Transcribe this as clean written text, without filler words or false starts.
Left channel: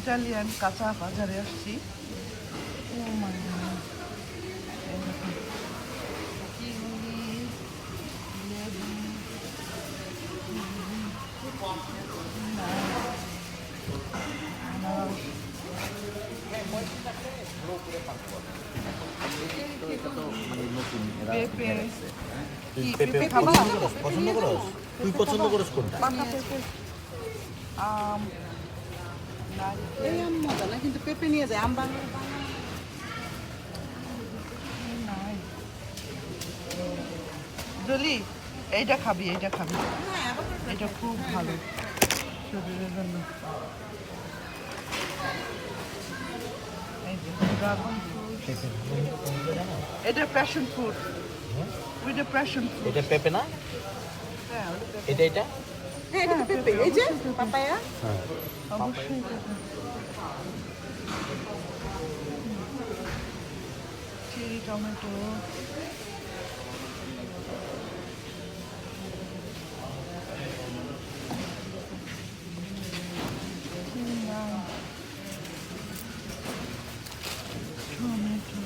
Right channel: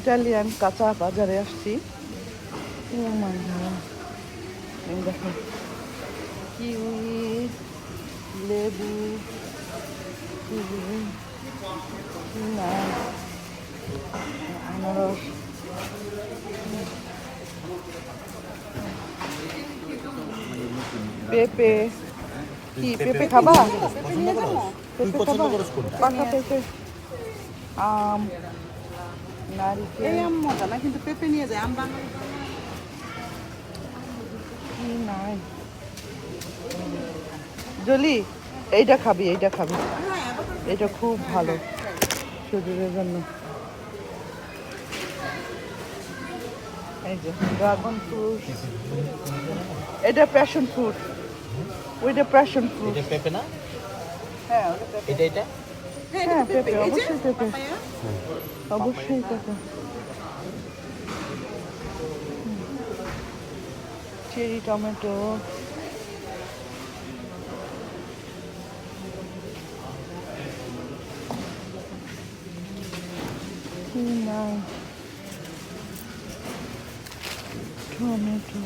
Italian কাঁচা বাজারে আসছি। দেখুন কি লেবু, আনারস, পেঁপে। কি পেঁপে খাবা? পছন্দ করো? তুই পছন্দ করস কোনটা? আম, নারকেল, এই আম মজা না, কিন্তু পেঁপে নিয়ে যায়। আম বাঙালি কি নাই। জলি এইটা খাবি, এইটা খাবি, এটা খুব ভালো শরীরের জন্য। এই যে ড্রাগন ফ্রুট, এটা প্যাশন ফ্রুট, ওইটা প্যাশন ফ্রুট। এটা পেঁপে না? এটা এটা? হ্যাঁ, এটা পেঁপে। এই যে অবশ্যই পেঁপে। পাপায়া। হ্যাঁ। অবশ্যই পেঁপে। Cherry tomato, tomato,